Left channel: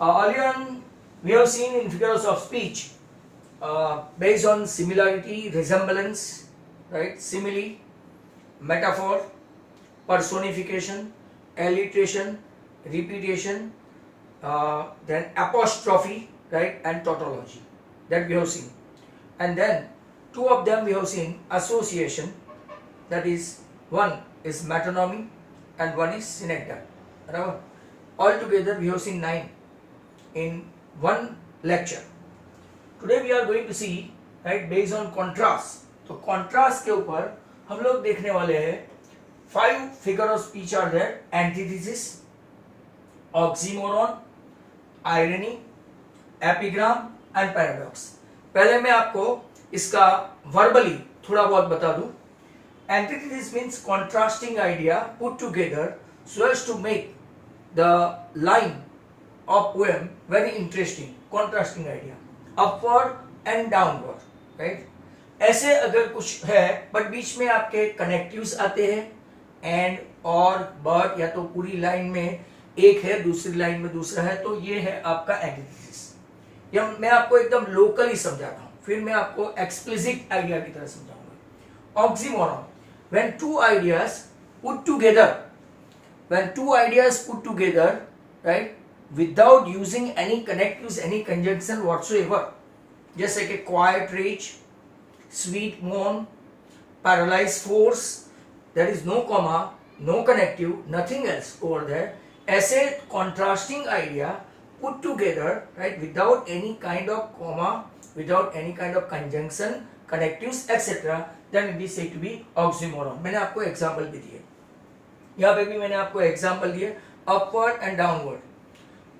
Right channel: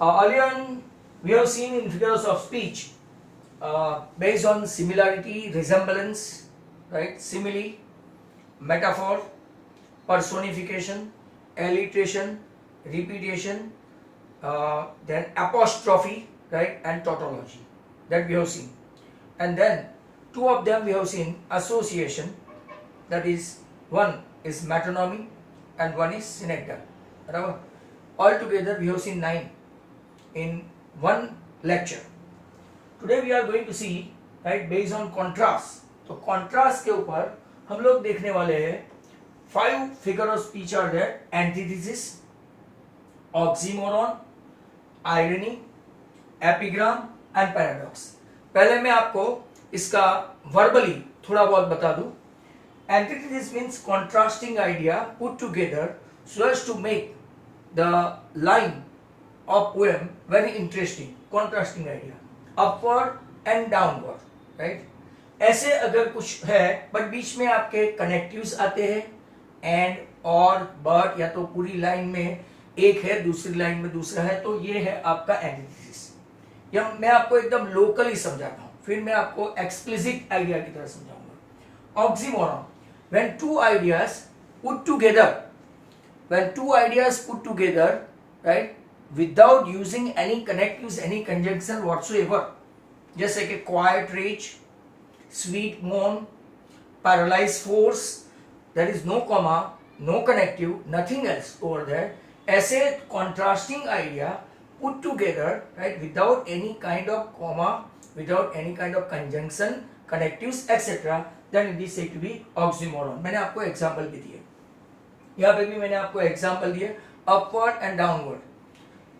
Earlier on, we have seen in figures of speech based on similarity, resemblance, right? Simile, metaphor, personification, alliteration, repetition, then apostrophe, right? And tautology that we have seen. And then two of them we have seen association, that is one is metonymy and one is synecdoche. Barabar? Altogether we have seen 9 in one lecture. Today we are going to see, right, based on contrast. तो contrast के ऊपर हम लोग देखने वाले हैं 5 figure of speech are there: antithesis, oxymoron, irony, epigram and paradox. पहले मैं आपको इसका वर्बली थोड़ा बहुत बता दूं. Antithesis means contrasting idea put together so as to make the line of poem very interesting. Contrasting idea, upward and downward, right? ऐसे अगर कुछ है बट बीच में आपके कनेक्टिव्स आते हैं, एंड और बट, या तो पूरी लाइन में एक है दूसरी लाइन में दूसरा है, तो ये है आपका एंटिथेसिस. या मैं आपको एकदम लोकली समझाता हूं, फिर मैं आपको एक्सप्लिसिट आइडिया की तरह समझाऊंगा. Oxymoron, when two ideas put together, right, without using any connectives, any conjunction whatsoever, जैसे कि quiet rage, sweet moan, paralyzed force, there is no comma, no connective, nothing else over there. ऐसे contrasting idea put together, right, without any kind of comma, without any kind of conjunction, connectives, etc., then it is said to be oxymoron. मैंने आपको example भी दिए, यहाँ पे भी मैंने आपको एग्जाम्पल दिए. Upward and downward,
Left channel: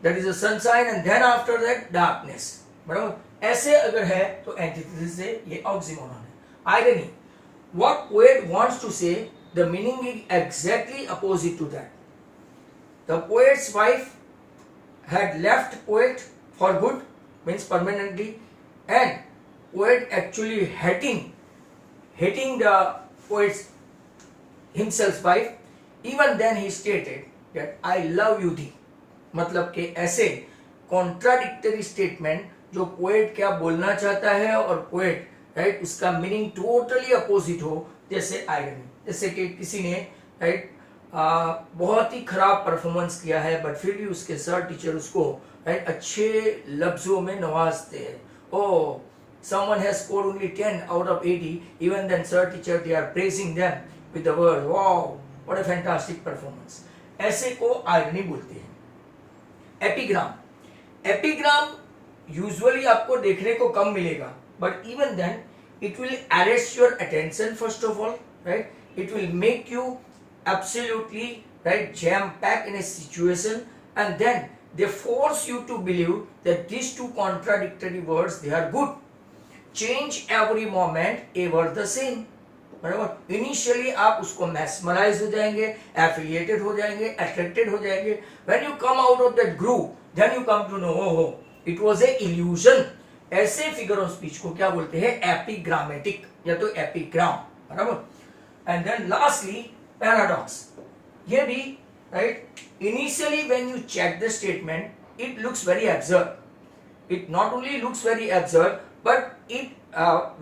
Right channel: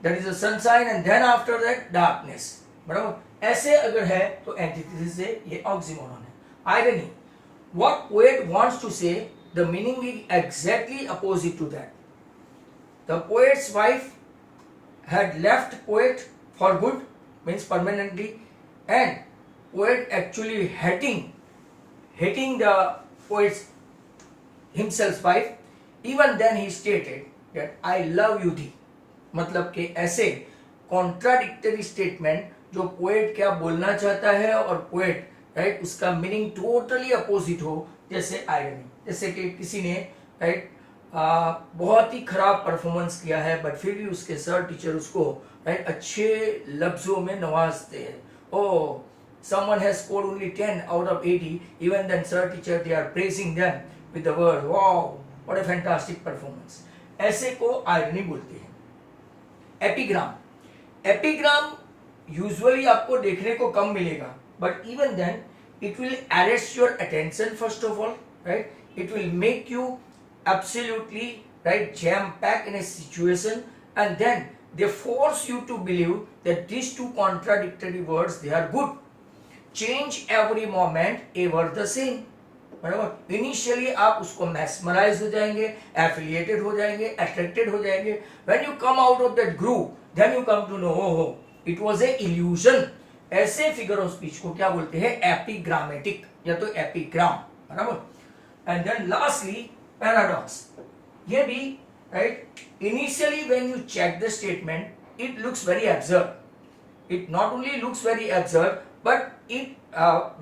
that is a sunshine and then after that darkness. बराबर? ऐसे अगर है तो एंटीथेसिस से ये ऑक्सीमोरॉन है. Irony, what poet wants to say, the meaning is exactly opposite to that. The poet's wife had left poet for good, means permanently, and poet actually hating the poet's himself wife. Even then he stated that I love you thee. मतलब कि ऐसे contradictory statement जो poet क्या बोलना चाहता है और poet, right, उसका मीनिंग टोटली अपोजिट हो, जैसे आयरनी. जैसे कि किसी ने, राइट, बहुत ही खराब परफॉर्मेंस किया है बट फिर भी उसके सर टीचर उसको, राइट, अच्छे लफ्जों में नवाजते हैं. ओ, someone has scored only 10 out of 80, even then sir teacher they are praising them with the word wow, what a fantastic performance. ऐसे को आयरनी बोलते हैं. एपिग्राम यूजुअली आपको देखने को कम मिलेगा, but even then it will arrest your attention first of all, right. It will make you absolutely, right, jam packed in a situation, and then they force you to believe that these two contradictory words they are good. Change every moment ever the same. बराबर? Initially आप उसको मैस्मराइज हो जाएंगे, affiliated हो जाएंगे, attracted हो जाएंगे. When you come out of that groove, then you come to know ओहो इट वाज ए इल्यूजन. ऐसे फिगर ऑफ स्पीच को क्या बोलते हैं? एपिग्रामेटिक या तो एपिग्राम. बराबर? And then lastly paradox. ये भी, right, initially when you check the statement it looks very absurd. It not only looks very absurd but it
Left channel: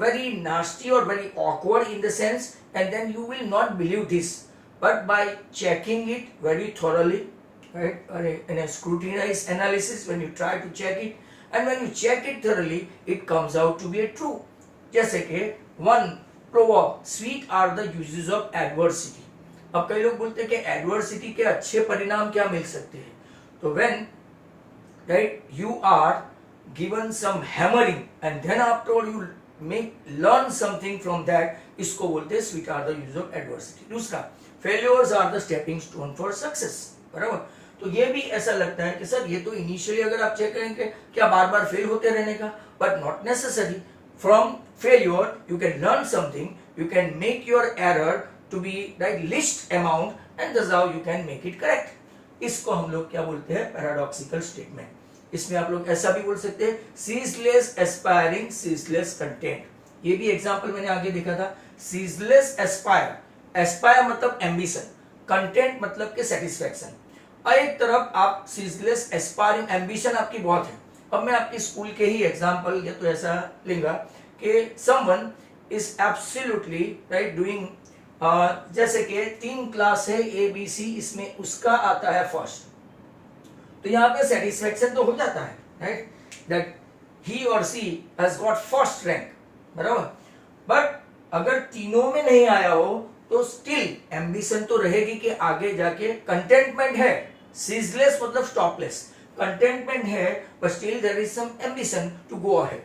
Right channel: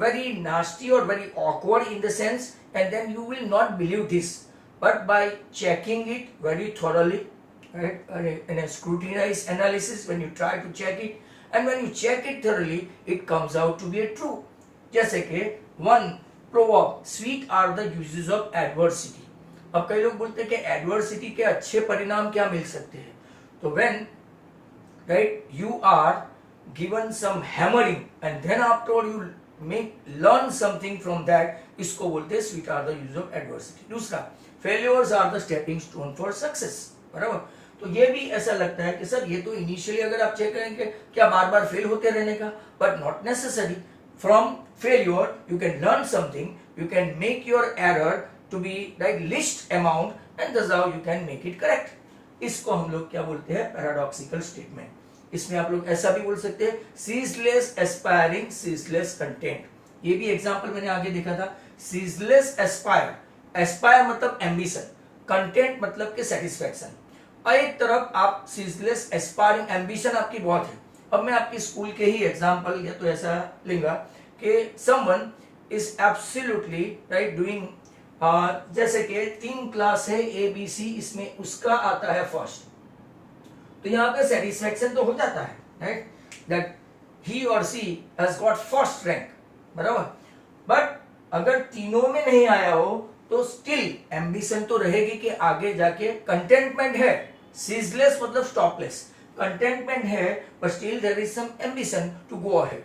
very nasty or very awkward in the sense, and then you will not believe this. But by checking it very thoroughly, right, in a scrutinized analysis, when you try to check it and when you check it thoroughly, it comes out to be a true. जैसे कि one proverb, sweet are the uses of adversity. अब कई लोग बोलते हैं कि adversity के अच्छे परिणाम क्या मिल सकते हैं. तो when, right, you are given some hammering and then after all you make learn something from that, इसको बोलते हैं sweet are the use of adversity. दूसरा, failures are the stepping stone for success. बराबर? तो ये भी ऐसा लगता है कि सर ये तो इनिशियली अगर आप चेक करेंगे क्या बार बार फेल होते रहने का, but not necessary. From failure you can learn something, you can make your error to be, right, least amount and that's how you can make it correct. इसको हम लोग क्या बोलते हैं? Paradoxical statement. इसमें आप लोग ऐसा भी बोल सकते हैं ceaseless aspiring, ceaseless content. ये भी एग्जांपल मैंने आगे देखा था. ceaseless aspire, aspire मतलब ambition, content मतलब के satisfaction. और एक तरफ आप सीजलेस एस्पायरिंग एम्बिशन आपकी बहुत है। अब मैं आपकी स्कूल के ही एग्जांपल या तो ऐसा लूंगा कि someone is absolutely right doing, जैसे कि 3 क्लास है ए बी सी, इसमें उसका आता है फर्स्ट, तो यहाँ पे सेटिस्फेक्शन तो हो जाता है राइट, दैट ही और सी हैज गॉट फर्स्ट रैंक, बराबर। बट अगर तीनों में नहीं आया हो तो स्टिल एम्बिशन तो रहेगी कि आगे जाके कंटेंटमेंट है, सीजलेस मतलब स्टॉपलेस, कंटेंटमेंट है, but still there is some ambition to go ahead.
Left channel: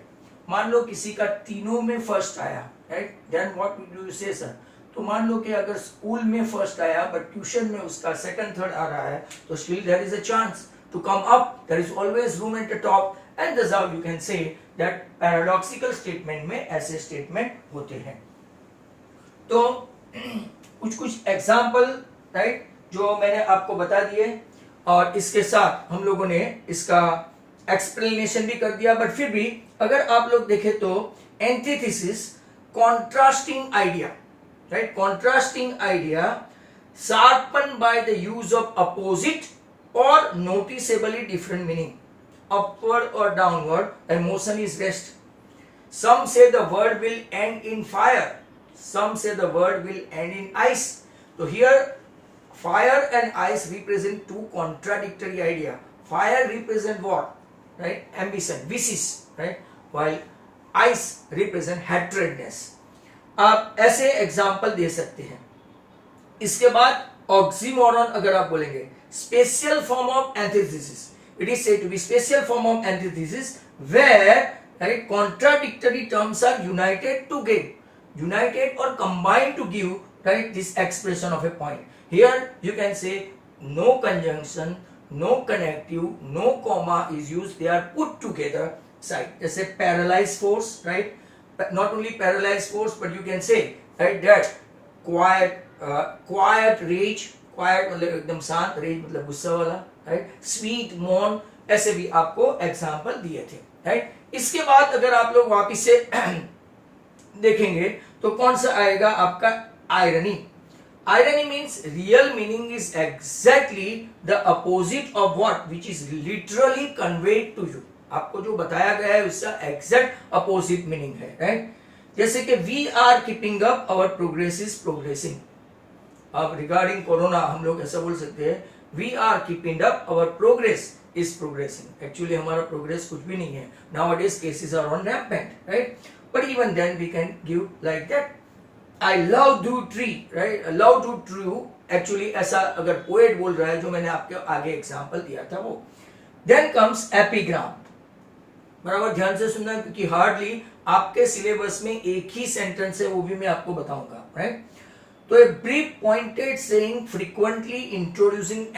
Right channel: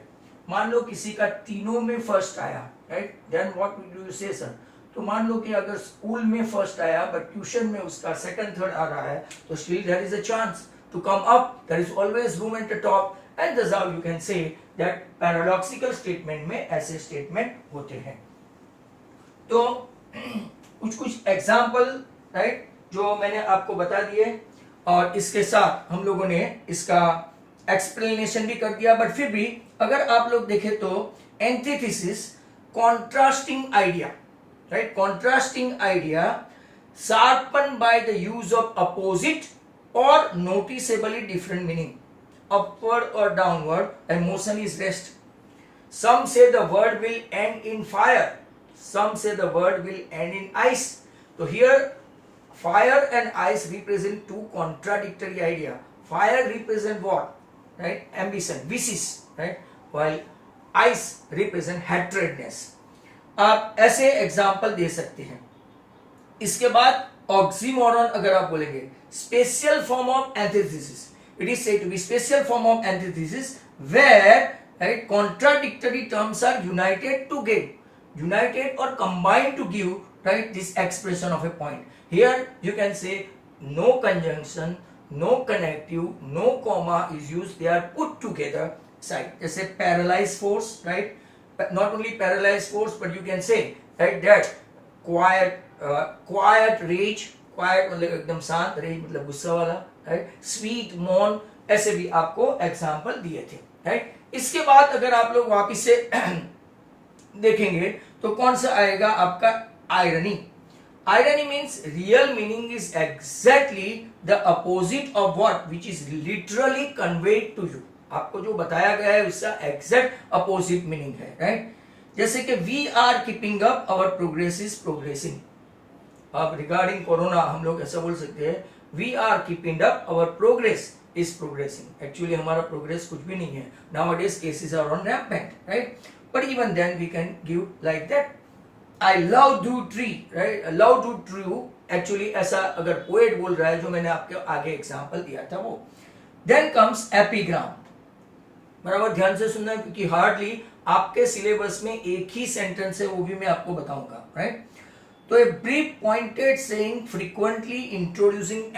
मान लो किसी का तीनों में फर्स्ट आया right, then what do you say sir, तो मान लो कि अगर स्कूल में फर्स्ट आया बट ट्यूशन में उसका सेकंड थर्ड आ रहा है, तो still there is a chance to come up, there is always room at the top, and that's how you can say that paradoxical statement में ऐसे statement होते हैं। तो कुछ एग्जाम्पल राइट जो मैंने आपको बता दिए, और इसके साथ हम लोगों ने इसका एक्सप्लेनेशन भी कर दिया, बट फिर भी अगर आप लोग देखें तो antithesis, contrasting idea right, contrasting idea sharpen by the use of opposite or noticeably different meaning, upward or downward, emotion is rest. Some say the word will end in fire, some say the word will end in ice. So here fire and ice represent two contradictory idea. Fire represent what, right, ambition, wishes, right, while ice represent hatredness. आप ऐसे example दे सकते हैं। इसके बाद oxymoron अगर आप बोलेंगे, special form of antithesis, it is said to be special form of antithesis where right contradictory terms are united to give, united और combined to give right this expression of a point. Here you can say no conjunction, no connective, no comma is used, they are put together side, जैसे paralyse force right, not only paralyzed force but you can say right that quiet rage, quiet मतलब एकदम शांत, rage मतलब गुस्सा वाला right, sweet mourn, ऐसे भी आपको एग्जांपल दिए थे राइट। इसके बाद अगर आप लोग वापिस से देखेंगे तो कौन सा आएगा आपका irony. Irony means real meaning is exactly the opposite of what which is literally conveyed to you, आपको जो बताया गया है उसका एग्जैक्ट अपोजिट मीनिंग है राइट। जैसे कि we are keeping up our progress is progressing, अब रिगार्डिंग कोरोना हम लोग ऐसा बोल सकते हैं we are keeping up our progress is progressing, actually हमारा प्रोग्रेस कुछ भी नहीं है, nowadays cases are on rampant right, but even then we can give like that I love do tree right, love do true, actually ऐसा अगर poet बोल रहा है जो मैंने आपके आगे एग्जांपल दिया था वो। देन कम्स एपिग्राम, बराबर ध्यान से सुनना है क्योंकि हार्डली आपके सिलेबस में एक ही सेंटेंस है, वो भी मैं आपको बताऊंगा राइट। तो a brief pointed saying frequently introducing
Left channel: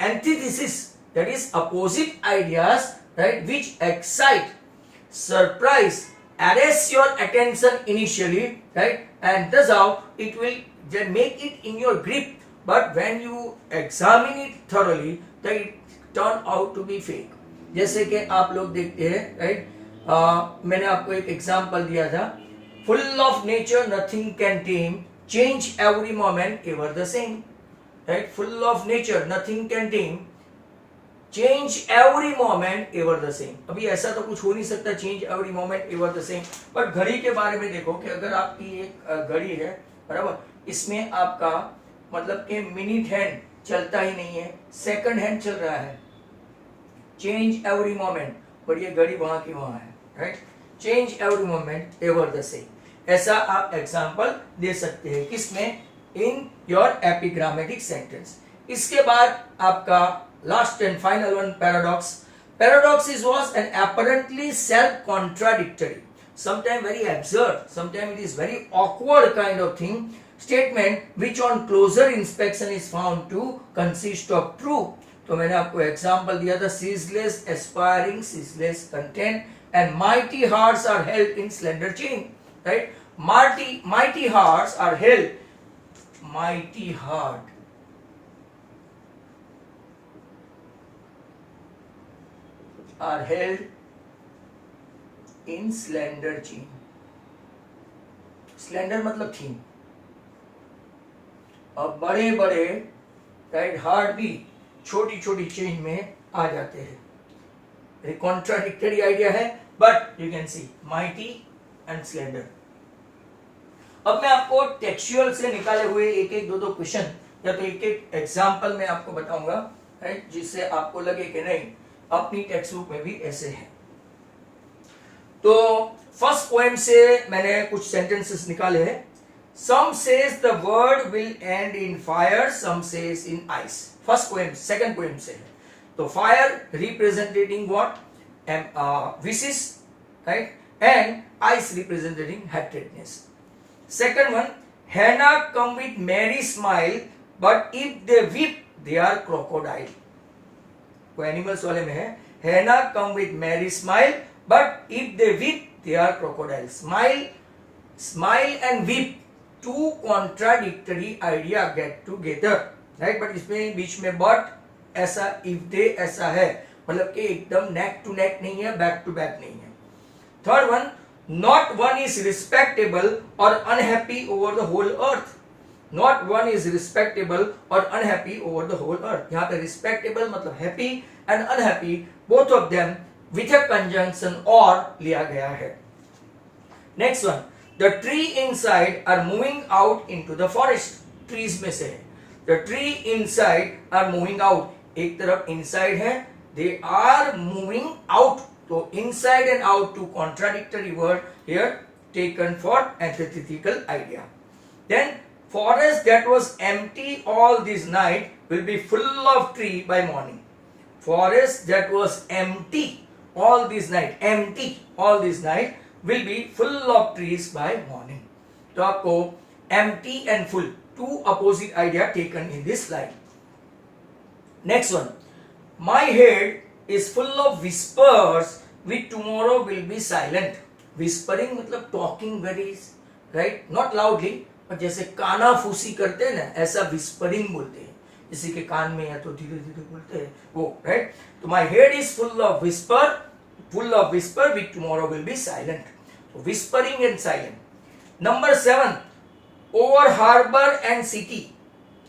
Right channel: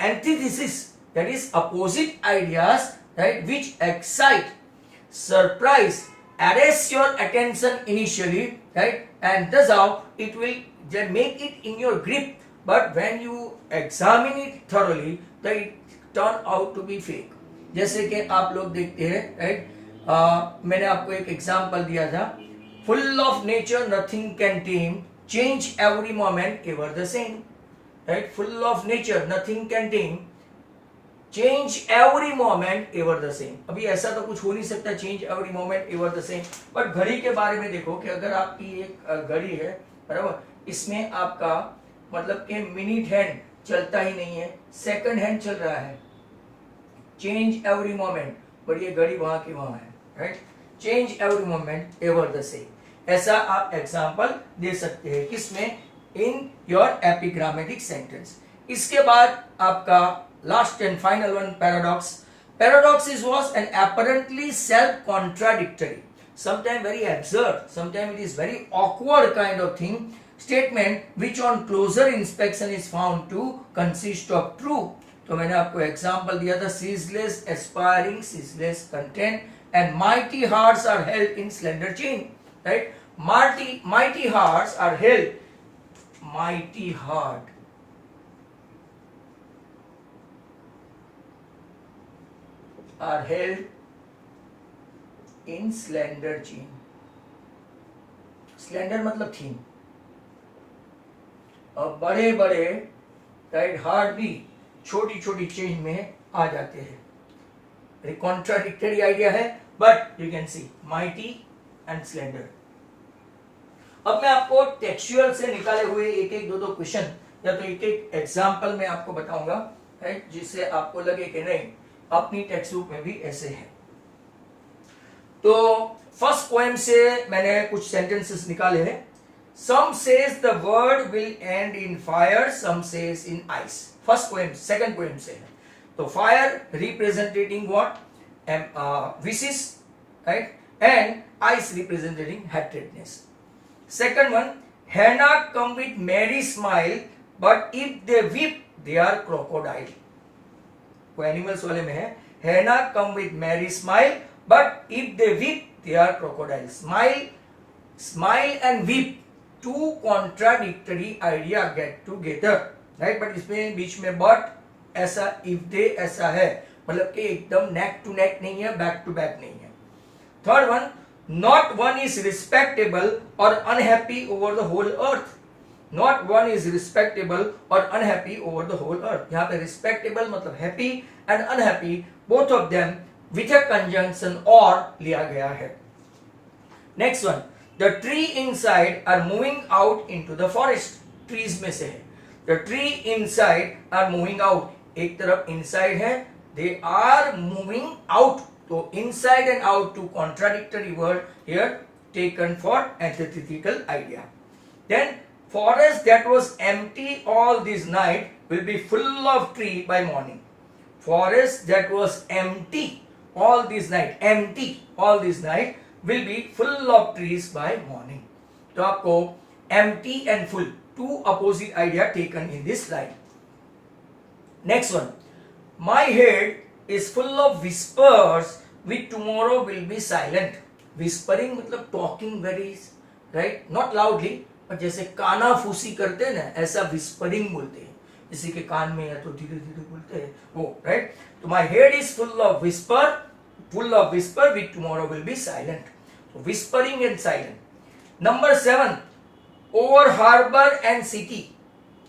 antithesis, that is opposite ideas right, which excite, surprise, arrest your attention initially right, and thus how it will make it in your grip, but when you examine it thoroughly then it turn out to be fake। जैसे कि आप लोग देखते हैं right, मैंने आपको एक example दिया था, full of nature nothing can time, change every moment ever the same right, full of nature nothing can time, change every moment ever the same. अभी ऐसा तो कुछ हो नहीं सकता change every moment ever the same, but घड़ी के बारे में देखो कि अगर आपकी एक घड़ी है बराबर, इसमें आपका मतलब कि मिनट हैंड चलता ही नहीं है, सेकंड हैंड चल रहा है, चेंज एवरी मोमेंट, बट ये घड़ी वहां की वहां है right, change every moment ever the same. ऐसा आप एग्जांपल दे सकते हैं किसमें, इन योर एपिग्रामेटिक सेंटेंस। इसके बाद आपका last and final one, paradox. Paradox was an apparently self-contradictory, sometimes very absurd, sometimes it is very awkward kind of thing, statement which on closer inspection is found to consist of true। तो मैंने आपको example दिया था ceaseless aspiring, ceaseless content, and mighty hearts are held in slender chain, right? Mighty hearts are held, mighty heart are held in slender chain, slender मतलब थीन, और बड़े बड़े right heart भी छोटी छोटी चेंज में आ जाते हैं। कॉन्ट्राडिक्टरी आइडिया है, but you can see mighty and slender. अब मैं आपको टेक्सचुअल से निकाले हुए एक एक दो क्वेश्चन या तो एक एक एग्जाम्पल में आपको बताऊंगा, राइट, जिससे आपको लगे कि नहीं अपनी टेक्स्ट बुक में भी ऐसे है। तो फर्स्ट पोएम से मैंने कुछ सेंटेंसेस निकाले हैं। Some say the world will end in fire, some say in ice. First poem, second poem से है। तो fire representing what, wishes, right, and ice representing hatredness. Second one, Hannah come with merry smile, but if they weep, they are crocodile. वो animals वाले में है, Hannah come with merry smile, but if they weep, they are crocodile. Smile and weep, two contradictory idea get together, right? But इसमें बीच में but ऐसा, if they ऐसा है, मतलब कि एकदम neck to neck नहीं है, back to back नहीं है. Third one, not one is respectable or unhappy over the whole earth. Not one is respectable or unhappy over the whole earth. यहाँ पे respectable मतलब happy and unhappy, both of them with a conjunction or लिया गया है. Next one, the tree inside are moving out into the forest. Trees में से है. The tree inside are moving out. एक तरफ inside है, they are moving out. So inside and out, two contradictory word here taken for antithetical idea. Then forest that was empty all this night will be full of tree by morning. Forest that was empty all this night, empty all this night will be full of trees by morning. तो आपको empty and full, two opposite idea taken in this line. Next one, my head is full of whispers which tomorrow will be silent. Whispering मतलब talking very, right, not loudly, but जैसे काना फूसी करते हैं ना, ऐसा whispering बोलते हैं, किसी के कान में या तो धीरे धीरे बोलते हैं वो, right? तो my head is full of whisper which tomorrow will be silent. So whispering and silent. Number 7, over harbor and city.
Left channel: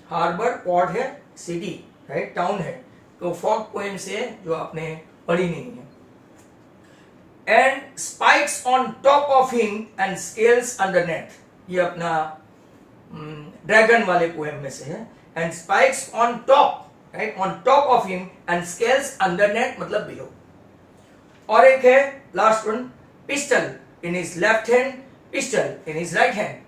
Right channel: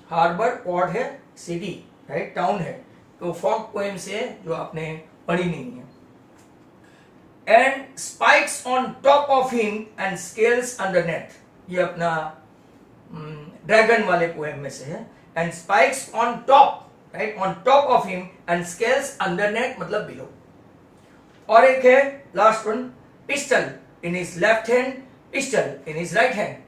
Harbor port है, city, right, town है. तो फॉग पोएम से जो आपने पढ़ी नहीं है. And spikes on top of him and scales underneath. ये अपना ड्रैगन वाले पोएम में से है. And spikes on top, right, on top of him and scales underneath मतलब below. और एक है last one, pistol in his left hand, pistol in his right hand.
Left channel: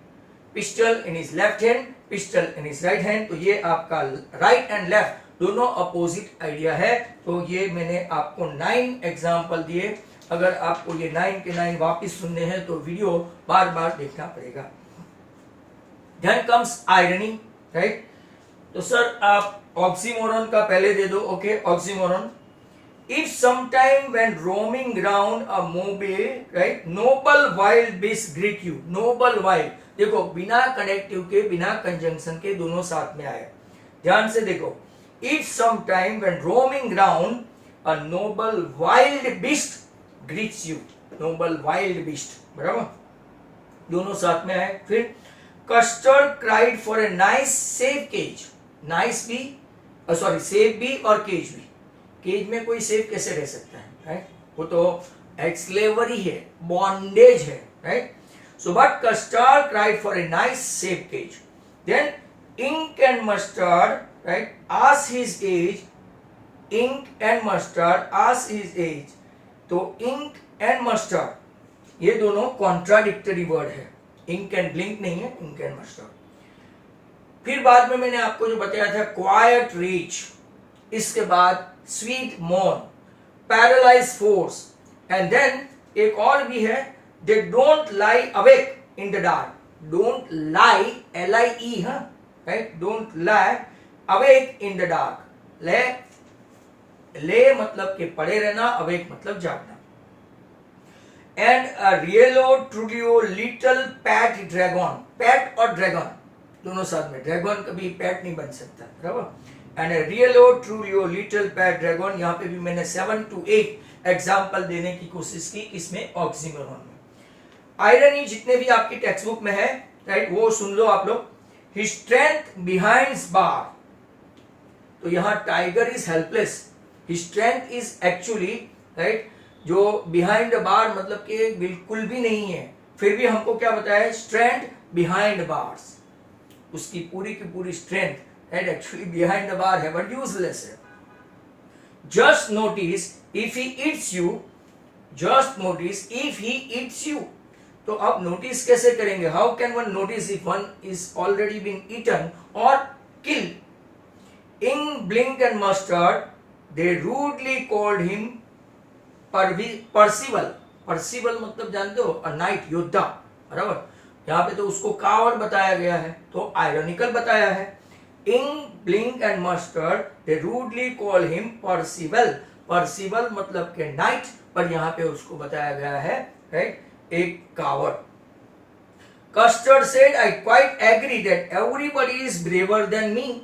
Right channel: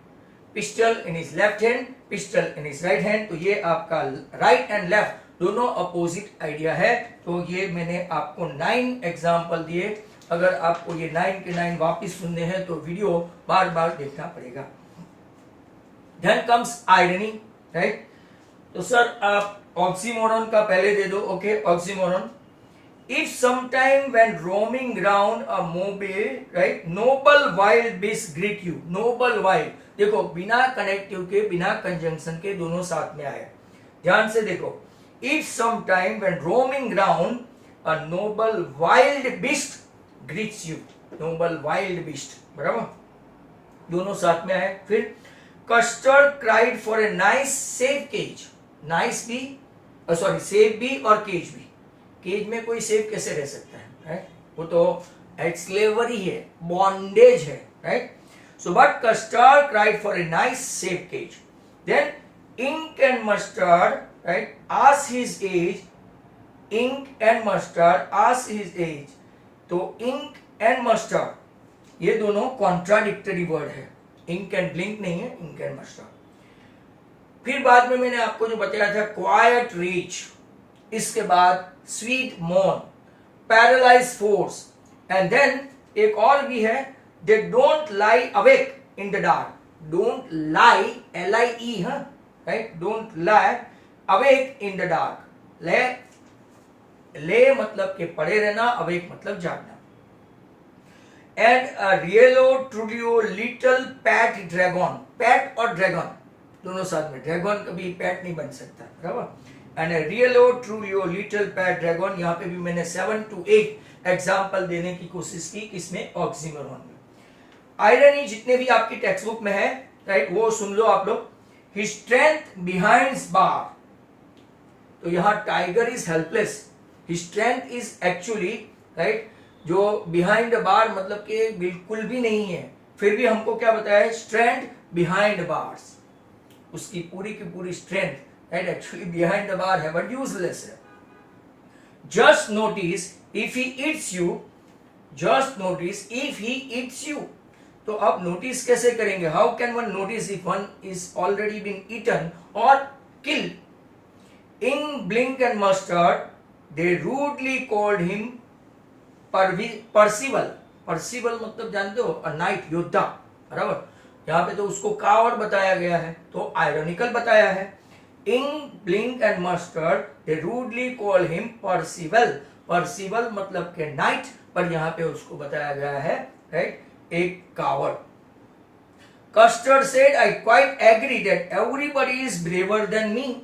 Pistol in his left hand, pistol in his right hand. तो ये आपका right and left दोनों opposite idea है. तो ये मैंने आपको 9 एग्जाम्पल दिए. अगर आपको ये 9 के 9 वापिस सुनने हैं तो वीडियो बार बार देखना पड़ेगा. Then comes irony, right? तो सर आप ऑक्सीमोरन का पहले दे दो. Okay, oxymoron. If sometime when roaming round a mobile, right, noble wild beast greet you. Noble wild, देखो बिना कनेक्टिव के, बिना कंजंक्शन के, दोनों साथ में आए. ध्यान से देखो. If sometime when roaming round a noble wild beast greets you. Noble wild beast, बराबर, दोनों साथ में आए. फिर Custard cried for a nice safe cage. Nice भी, सॉरी, safe भी और cage भी. केज में कोई सेफ कैसे रह सकता है, राइट? वो तो स्लेवरी है, बॉन्डेज है, right? So but custard cried for a nice safe cage. Then ink and mustard, right, asked his age. Ink and mustard asked his age. तो इंक एंड मस्टर्ड ये दोनों कॉन्ट्राडिक्टरी वर्ड है. Ink and blink नहीं है, ink and mustard. फिर बाद में मैंने आपको जो बताया था क्वाइट रीच, इसके बाद स्वीट मोन, पैरालाइज फोर्स, एंड देन एक और भी है, they don't lie awake in the dark. Don't lie, LIE, हाँ, right, don't lie awake in the dark. ले मतलब के पड़े रहना, अवेक मतलब जागना. And realio trulio little pet dragon. Pet और ड्रैगन दोनों साथ में, ड्रैगन कभी पैट नहीं बन सकता, बराबर. And realio trulio little pet dragon. यहाँ पे भी मैंने 7 to 8 एग्जाम्पल देने की कोशिश की, किसमें, ऑक्सीमोरन में. आयरनी जितने भी आपकी टेक्स्ट बुक में है, राइट, वो सुन लो आप लोग. हिज स्ट्रेंथ बिहाइंड बार. तो यहाँ tiger is helpless, his strength is actually, right, जो बिहाइंड द बार मतलब कि बिल्कुल भी नहीं है, फिर भी हमको क्या बताया है, स्ट्रेंथ बिहाइंड बार्स, उसकी पूरी की पूरी strength right actually behind the bar है बट यूजलेस है। Just notice if he eats you, just notice if he eats you, तो अब नोटिस कैसे करेंगे, how can one notice if one is already been eaten और killed. In Blink and Mustard they rudely called him Percival, Percival मतलब जानते हो, a night, योद्धा, बराबर, यहाँ पे तो उसको कावर्ड बताया गया है, तो आयरनिकल बताया है। In Blink and Mustard they rudely call him Percival, Percival मतलब के नाइट, पर यहाँ पे उसको बताया गया है राइट एक coward. Custard said I quite agree that everybody is braver than me,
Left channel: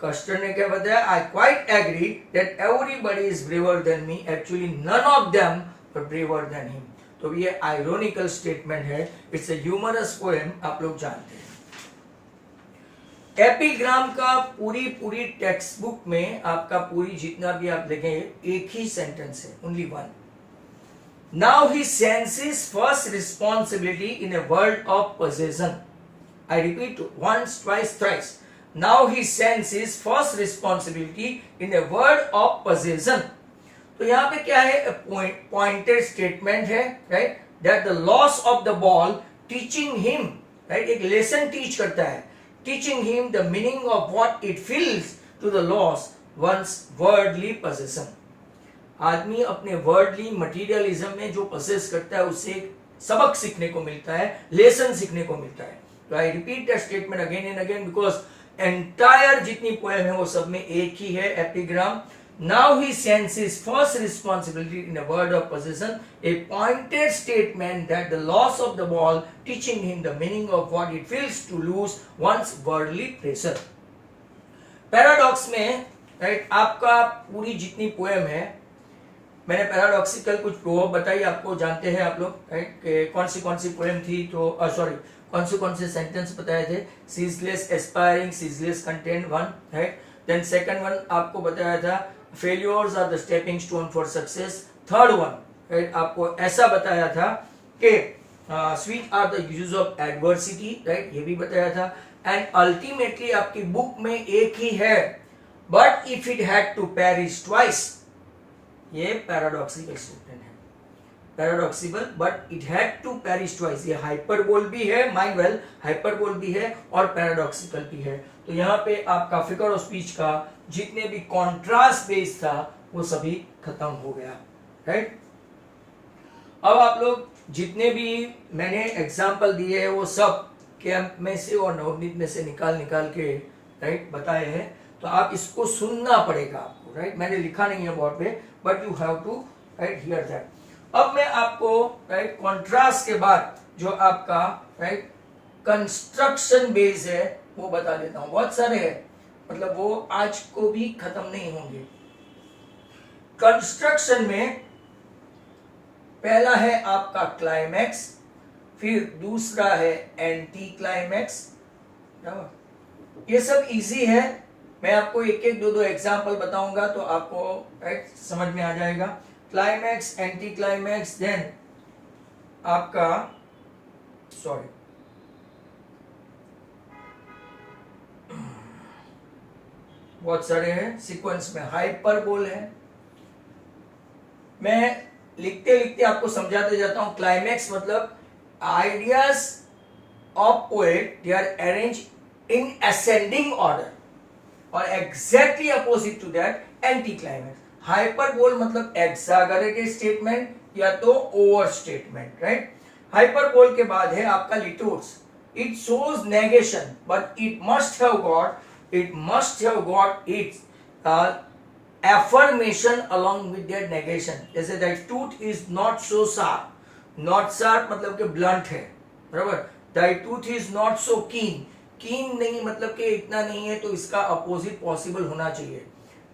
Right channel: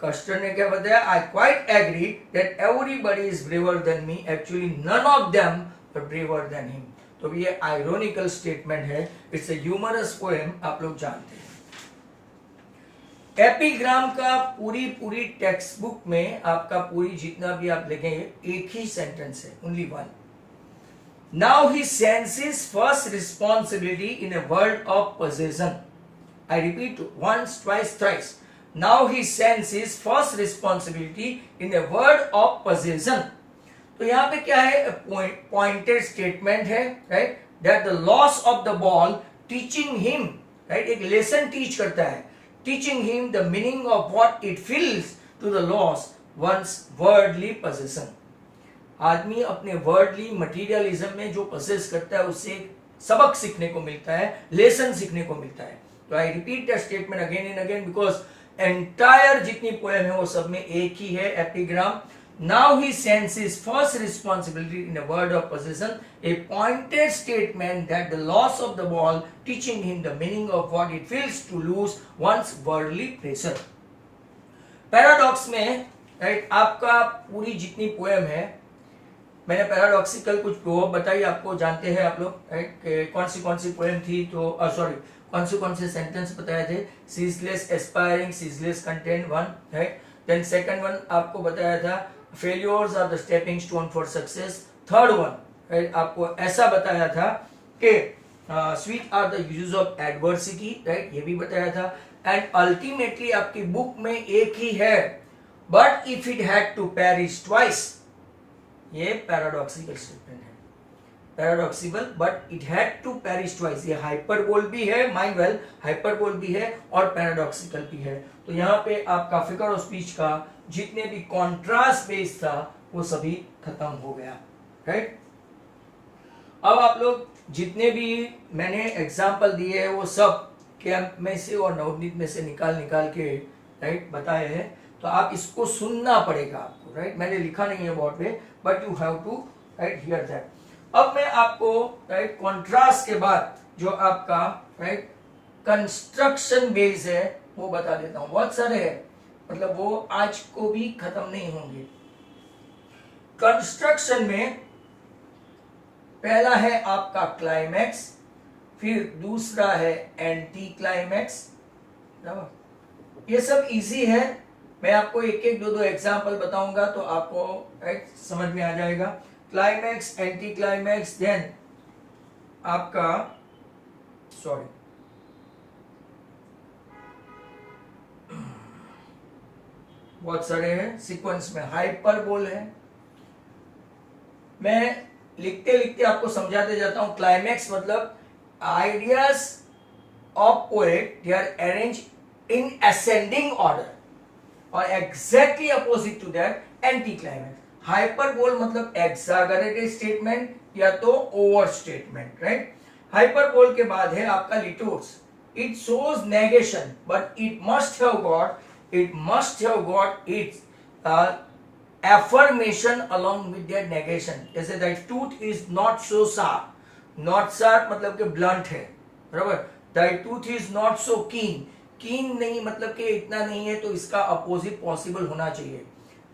custard ने क्या बताया, I quite agree that everybody is braver than me, actually none of them were braver than him, तो ये ironical statement है, it's a humorous poem, आप लोग जानते हैं। एपिग्राम का पूरी टेक्स्ट बुक में आपका पूरी जितना भी आप देखेंगे एक ही सेंटेंस है, only one. Now he senses first responsibility in a world of possession, I repeat once twice thrice, now he senses first responsibility in a world of possession, तो यहां पे क्या है, पॉइंटेड स्टेटमेंट है right, that the loss of the ball teaching him, right, एक lesson teach करता है, teaching him the meaning of what it feels to the loss once worldly possession. आदमी अपने वर्ल्डली मटीरियलिज्म में जो पोसेस करता है उससे एक सबक सीखने को मिलता है, लेसन सीखने को मिलता है। तो I repeat that statement again and again because entire जितनी पोएम है वो सब में एक ही है epigram. Now he senses first responsibility in a word of possession, a pointed statement that the loss of the ball teaching him the meaning of what it feels to lose one's worldly pleasure. Paradox में right आपका पूरी जितनी poem है, मैंने paradoxical कुछ proverb बताई आपको, जानते हैं आप लोग राइट, कौन सी पोएम थी, तो सॉरी कौन से सेंटेंस बताए थे, ceaseless aspiring, ceaseless content one right, then second one आपको बताया था failures are the stepping stone for success, third one right आपको ऐसा बताया था कि sweet are the use of adversity, right, ये भी बताया था, एंड अल्टीमेटली आपकी बुक में एक ही है, but if it had to perish twice, ये पैराडॉक्सिकल स्टेटमेंट है, paradoxical but it had to perish twice, ये हाइपरबोल भी है, माइंड वेल हाइपरबोल भी है और पैराडॉक्सिकल भी है। तो यहाँ पे आपका फिगर ऑफ स्पीच का जितने भी कॉन्ट्रास्ट बेस था वो सभी खत्म हो गया राइट। अब आप लोग जितने भी मैंने एग्जाम्पल दिए हैं वो सब कैंप में से और नवनीत में से निकाल के राइट बताए हैं, तो आप इसको सुनना पड़ेगा आपको राइट, मैंने लिखा नहीं है बोर्ड पे but you have to write here that. अब मैं आपको राइट कॉन्ट्रास्ट के बाद जो आपका राइट कंस्ट्रक्शन बेस है वो बता देता हूं, बहुत सारे हैं मतलब वो आज को भी खत्म नहीं होंगे। कंस्ट्रक्शन में पहला है आपका क्लाइमैक्स, फिर दूसरा है एंटी क्लाइमैक्स, ये सब इजी है, मैं आपको एक एक दो एग्जांपल बताऊंगा तो आपको राइट समझ में आ जाएगा। क्लाइमैक्स, एंटी क्लाइमैक्स, देन आपका सॉरी बहुत सारे हैं सीक्वेंस में, हाइपरबोल है, मैं लिखते लिखते आपको समझाते जाता हूं। क्लाइमैक्स मतलब ideas of poet they are arrange in ascending order, और exactly opposite to that anti climax. Hyperbole मतलब एक्सागरेटेड स्टेटमेंट या तो ओवर स्टेटमेंट राइट। हाइपरबोल के बाद है आपका litotes, it shows negation but it must have got its affirmation along with their negation। जैसे that tooth is not so sharp, not sharp मतलब कि blunt है बराबर, that tooth is not so keen नहीं मतलब कि इतना नहीं है, तो इसका अपोजिट पॉसिबल होना चाहिए।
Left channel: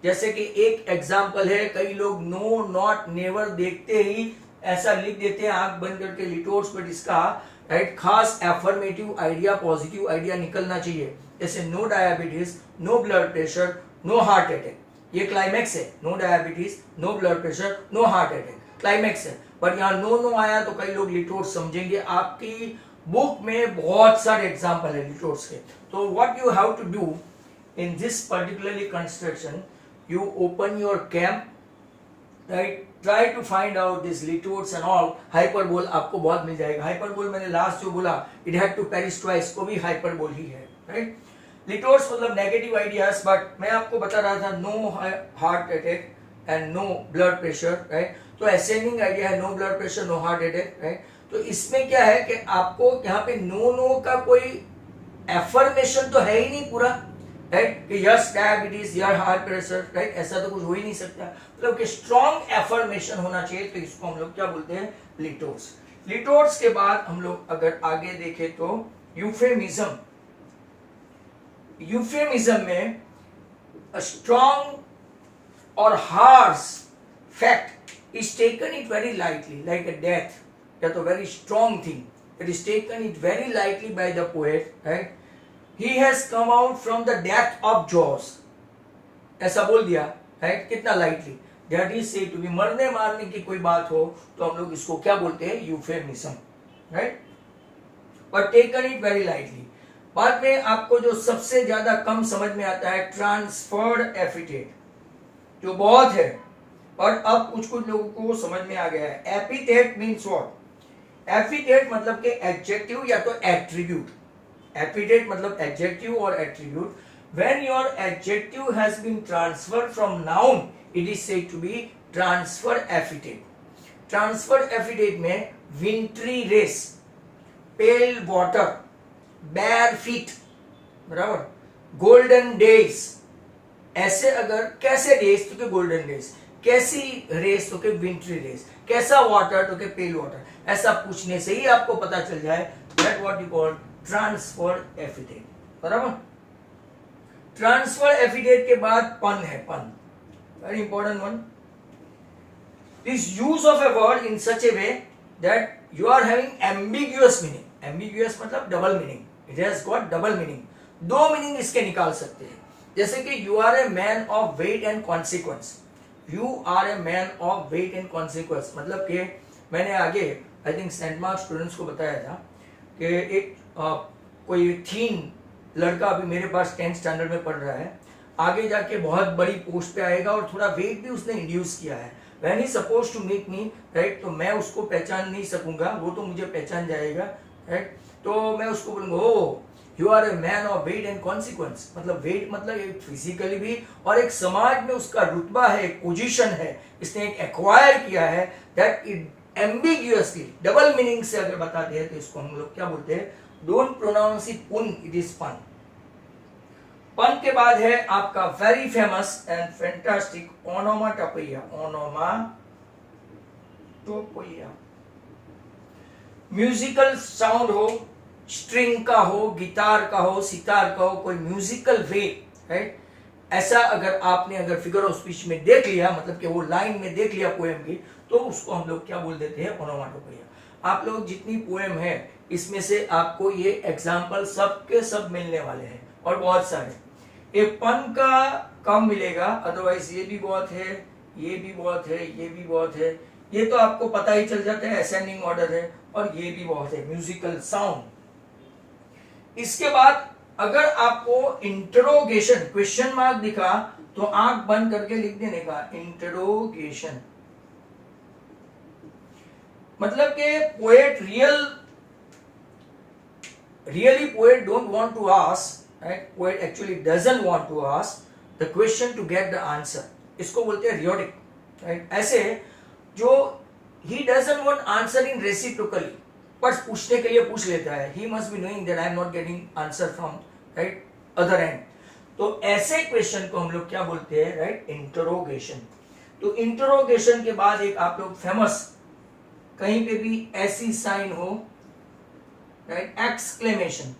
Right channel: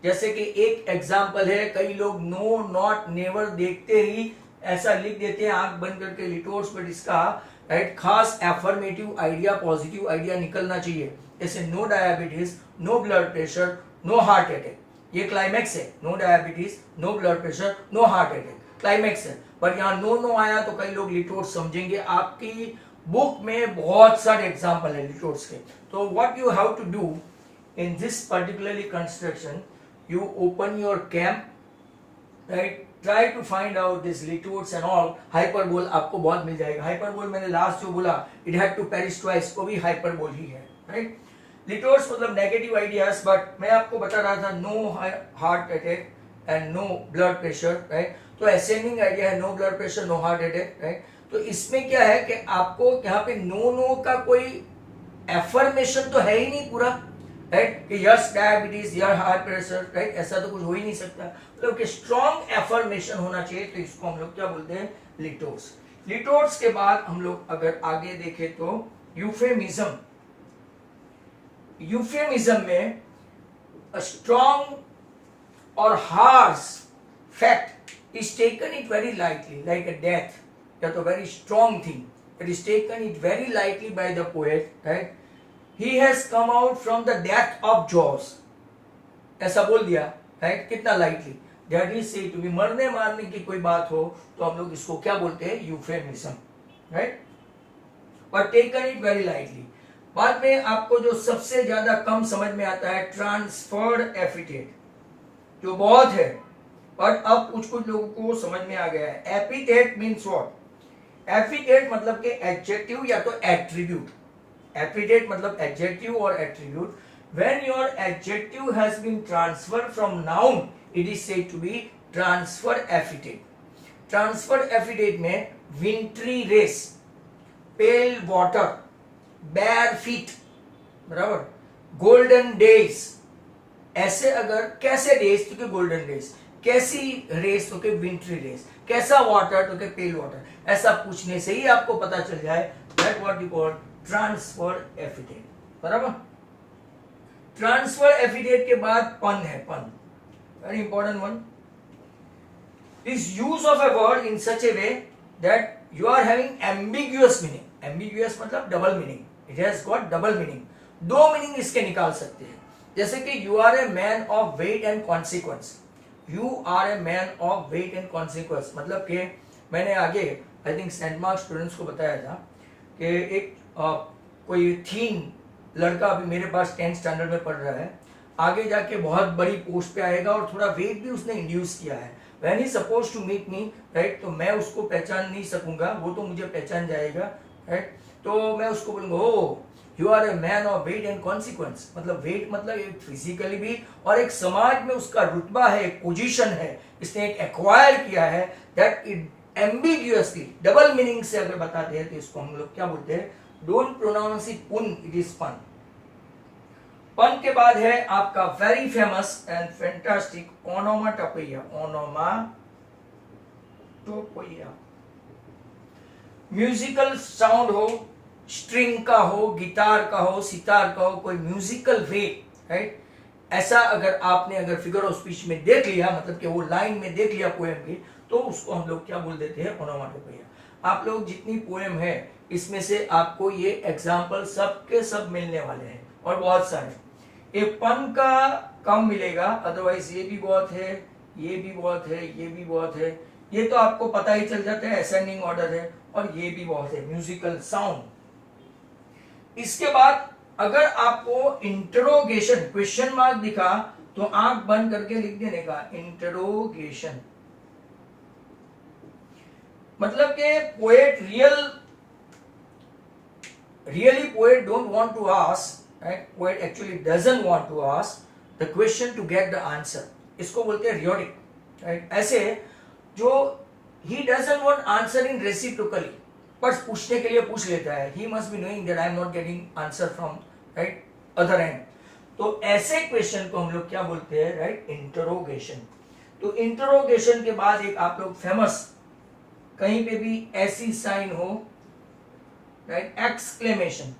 जैसे कि एक एग्जाम्पल है, कई लोग नो नॉट नेवर देखते ही ऐसा लिख देते हैं आंख बंद करके लिटोर्स, बट इसका राइट खास एफर्मेटिव आइडिया, पॉजिटिव आइडिया निकलना चाहिए। जैसे no diabetes, no blood pressure, no heart attack, ये क्लाइमैक्स है, no diabetes, no blood pressure, no heart attack, climax है। पर यहाँ नो नो आया तो कई लोग लिटोर्स समझेंगे, आपकी बुक में बहुत सारे एग्जाम्पल है लिटोर्स के। तो what you have to do in this particularly construction, you open your camp, right, try to find out this litotes and all. Hyperbole आपको बहुत मिल जाएगा। हाइपरबोल मैंने लास्ट जो बोला, it had to perish twice, वो भी हाइपरबोल ही है, राइट। लिटोर्स मतलब नेगेटिव आइडियाज, बट मैं आपको बता रहा था no heart attack and no blood pressure, right. तो असेंडिंग आइडिया है, no blood pressure, no heart attack, right. तो इसमें क्या है कि आपको यहाँ पे नो नो का कोई एफर्मेशन तो है ही नहीं पूरा, राइट, कि yes diabetes, yes heart pressure, right, ऐसा तो कुछ हो ही नहीं सकता। मतलब कि स्ट्रॉन्ग एफर्मेशन होना चाहिए, तो इसको हम लोग क्या बोलते हैं, लिटोर्स। लिटोर्स के बाद हम लोग अगर आगे देखें तो यूफेमिज्म। यूफेमिज्म में स्ट्रॉन्ग और harsh fact is taken it very lightly, like a death, या तो very strong thing, it is taken it very lightly by the poet, right. He has come out from the death of Jaws, ऐसा बोल दिया, right, कितना lightly. That is से to be, मरने मारने की कोई बात हो तो हम लोग इसको क्या बोलते हैं, euphemism, right, but taken it very lightly. बाद में आपको जो सबसे ज्यादा कम समझ में आता है, ट्रांसफर्ड एपिथेट, जो बहुत है बट अब कुछ कुछ लोगों को समझ में आ गया है। Epithet means what? एपिथेट मतलब के एडजेक्टिव या तो एट्रीब्यूट। एपिथेट मतलब एडजेक्टिव और attribute. When your adjective has been transferred from noun, it is said to be transfer epithet. Transfer epithet में wintry race, pale water, bare feet, बराबर, golden days, ऐसे अगर, कैसे डेज तो के गोल्डन डेज, कैसी रेस तो के विंट्री रेस, कैसा वाटर तो के पेल वाटर, ऐसा पूछने से ही आपको पता चल जाए that what you call transfer epithet, बराबर। ट्रांसफर एपिथेट के बाद पन है, pun, very important one. This use of a word in such a way that you are having ambiguous meaning. Ambiguous मतलब double meaning, it has got double meaning, दो meaning इसके निकाल सकते हैं। जैसे कि you are a man of weight and consequence, you are a man of weight and consequence मतलब कि मैंने आगे I think sent mark students को बताया था कि एक कोई थीन लड़का अभी मेरे पास 10th स्टैंडर्ड में पढ़ रहा है, आगे जाके बहुत बड़ी पोस्ट पे आएगा और थोड़ा वेट भी उसने इंड्यूस किया है। When he suppose to meet me, right, तो मैं उसको पहचान नहीं सकूंगा, वो तो मुझे पहचान जाएगा, राइट। तो मैं उसको बोलूंगा, oh you are a man of weight and consequence, मतलब वेट मतलब एक फिजिकली भी और एक समाज में उसका रुतबा है, एक पोजीशन है, इसने एक एक्वायर किया है, दैट इट एम्बिग्यूअसली डबल मीनिंग से अगर बताते हैं तो इसको हम लोग क्या बोलते हैं, don't pronounce it pun, it is pun. Pun के बाद है आपका very famous and fantastic onomatopoeia. Onomatopoeia musical sound हो, स्ट्रिंग का हो, गिटार का हो, सितार का हो, कोई म्यूजिकल वे, राइट, ऐसा अगर आपने अगर फिगर ऑफ स्पीच में देख लिया, मतलब कि वो लाइन में देख लिया पोएम की, तो उसको हम लोग क्या बोल देते हैं, ओनोमाटोपोइया। आप लोग जितनी पोएम है इसमें से आपको ये एग्जाम्पल सबके सब मिलने वाले हैं और बहुत सारे। ये पन का कम मिलेगा, अदरवाइज ये भी बहुत है, ये भी बहुत है, ये भी बहुत है, ये तो आपको पता ही चल जाता है, असेंडिंग ऑर्डर है, और ये भी बहुत है, म्यूजिकल साउंड। इसके बाद अगर आपको इंटरोगेशन क्वेश्चन मार्क दिखा तो आंख बंद करके लिख देने का, इंटरोगेशन मतलब कि poet really poet don't want to ask, right, poet actually doesn't want to ask the question to get the answer, इसको बोलते हैं rhetoric, right। ऐसे जो he doesn't want answer in reciprocally, पर पूछने के लिए पूछ लेता है, he must be knowing that I am not getting answer from, right, other end, तो ऐसे क्वेश्चन को हम लोग क्या बोलते हैं, राइट, इंटरोगेशन। तो इंटरोगेशन के बाद एक आप लोग फेमस, कहीं पे भी ऐसी साइन हो, right, exclamation,